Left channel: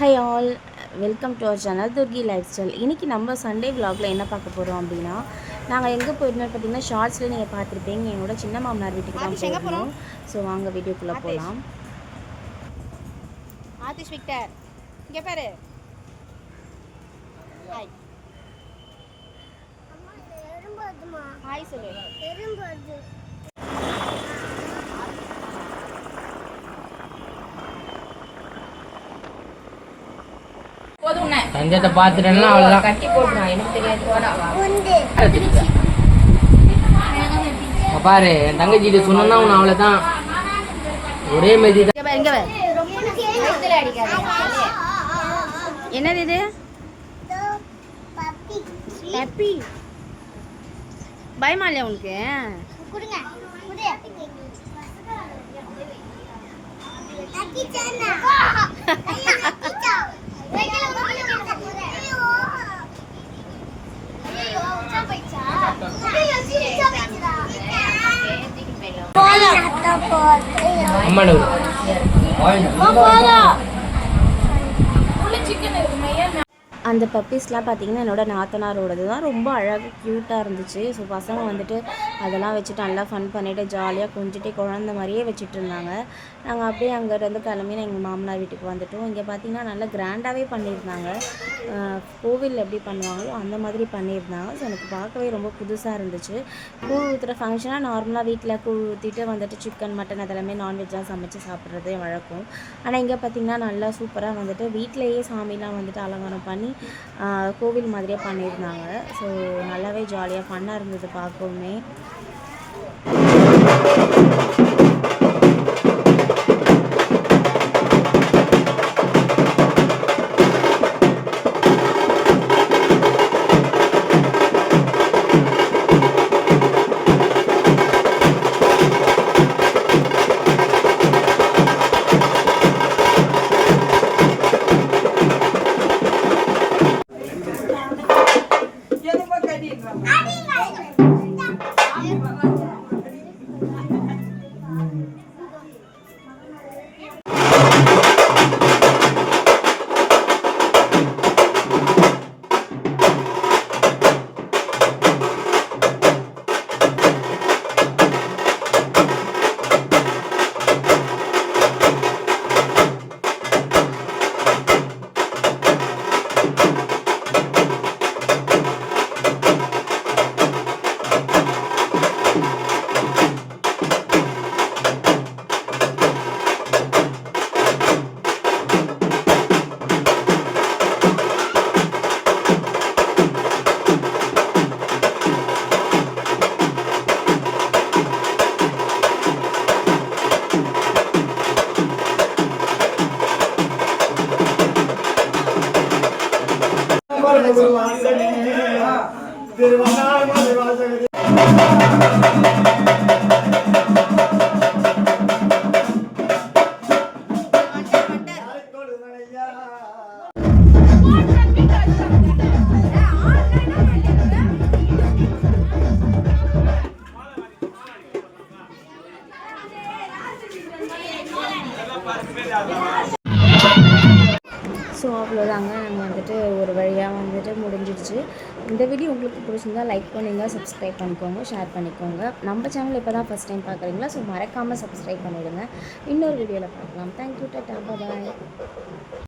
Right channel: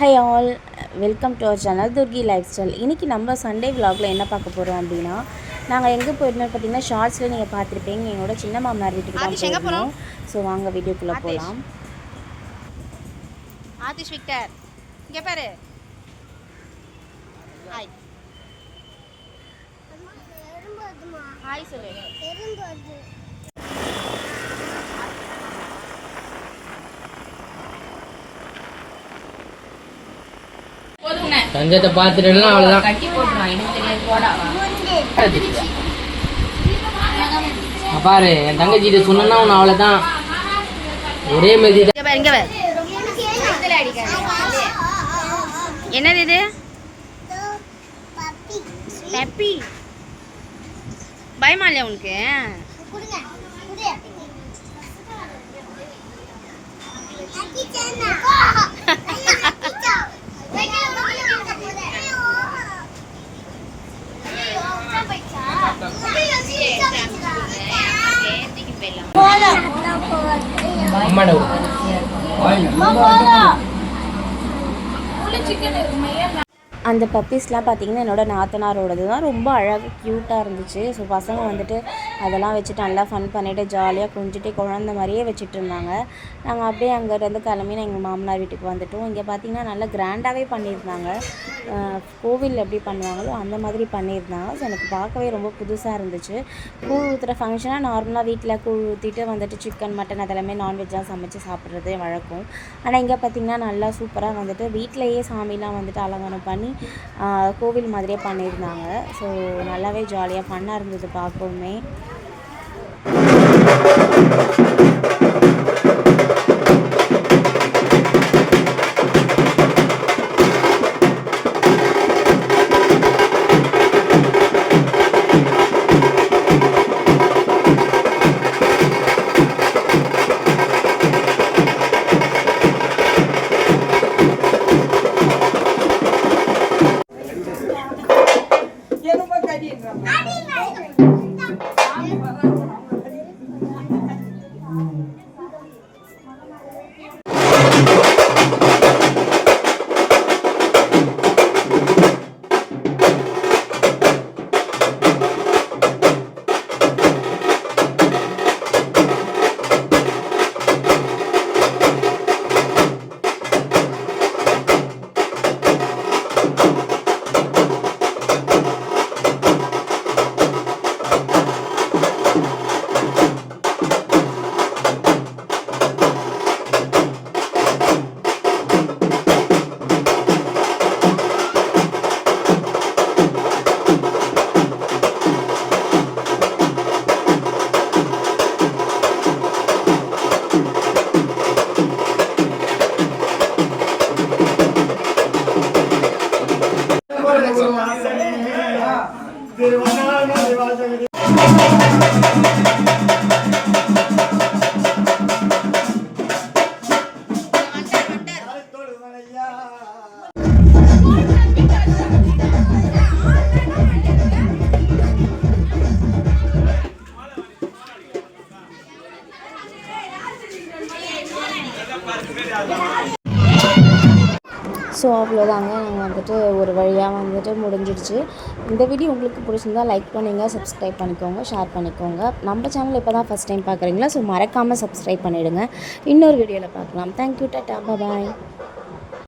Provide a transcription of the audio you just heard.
High all, welcome to our channel Durgi lifestyle. இன்றைக்கி நம்ம Sunday விலாகில் என்ன பார்க்க போகிறோம் அப்படின்னா, நாங்கள் எங்கே போயிருந்தோம் பார்த்தீங்கன்னா, ஷார்ட்ஸில் நீங்கள் பார்த்துருப்பீங்க. என்னோட சின்ன மாமனார் வீட்டுக்கு தான் போயிருந்தோம். ஸோ வாங்க வீடியோக்குள்ளே போகலாம். ஆதிஷ் விக்டர் இங்கே பாரு. ஹாய் ஹாய் சொல்லு. தங்கத்தை பார்த்துட்டேன்னா அவ்வளோதான். பாரு என் தங்கச்சிட்ட சொன்னா உன்னை அவ்வளோதான். ஒரே மாதிரி என்னது இது? பெப்பி. பயமா இல்லையா உனக்கு? அந்த பப்பீஸ்லாம் பார்த்திங்கன்னா என்னோட நாத்தனாரோடது தான். ரொம்ப அழகாக க்யூட்டாக இருந்துச்சு. ஸோ பசங்க வந்துட்டு அதெல்லாம் வச்சுட்டு நல்லா ஃபன் பண்ணிவிட்டு ஜாலியாக கொஞ்சிட்டு குழந்த மாதிரியே வச்சுட்டு இருந்தாங்க. நாங்கள் அப்படியே அங்கேருந்து கிளம்பி எங்கள் மாமனார் வீட்டுக்கு வந்துவிட்டோம். இங்கே பார்த்திங்கன்னா நல்லா கிராண்டாகவே பண்ணியிருந்தாங்க. கோவிலில் எப்படி பண்ணுவாங்களோ அந்த மாதிரி பண்ணியிருந்தாங்க. ஸோ எனக்கு பார்க்கவே ரொம்ப புதுசாக இருந்துச்சு. கூழ் ஊற்றுற ஃபங்க்ஷனாக நார்மலாக வீட்டில் கூழ் ஊற்றிட்டு வந்துட்டு சிக்கன் மட்டன் அதெல்லாமே நான்வெஜ்ஜாக சமைச்சு சாப்பிட்றதே வழக்கம். ஆனால் இங்கே பார்த்திங்கன்னா நல்லா சூப்பராக வந்துட்டு வீட்டிலையே சாமிலாம் வந்துட்டு அலங்காரம் பண்ணி கோவில் மாதிரியே பண்ணியிருந்தாங்க. ஸோ நல்லாவே ஜாலியாக ஃபன்னாக இருந்தது பார்க்கவுமே. ஸோ அவ்வளோதாங்க, நாங்கள் வந்துட்டு ஒரு வழியாக வந்துட்டு முடிஞ்சிடுச்சு. இந்த வீடியோ உங்களுக்கு பிடிச்சிருந்தா லைக் பண்ணுங்கள், சப்ஸ்கிரைப் பண்ணிக்கோங்க, ஷேர் பண்ணிக்கோங்க. நம்ம சேனல் இப்போ தான் ஃபஸ்ட் டைம் பார்க்குறீங்களா? ஸோ மறக்காமல் சப்ஸ்கிரைப் பண்ணிவிடுங்க. இன்னொரு வீடியோவில் பார்க்கலாம். தேங்க்யூ, டாடா, பாய்.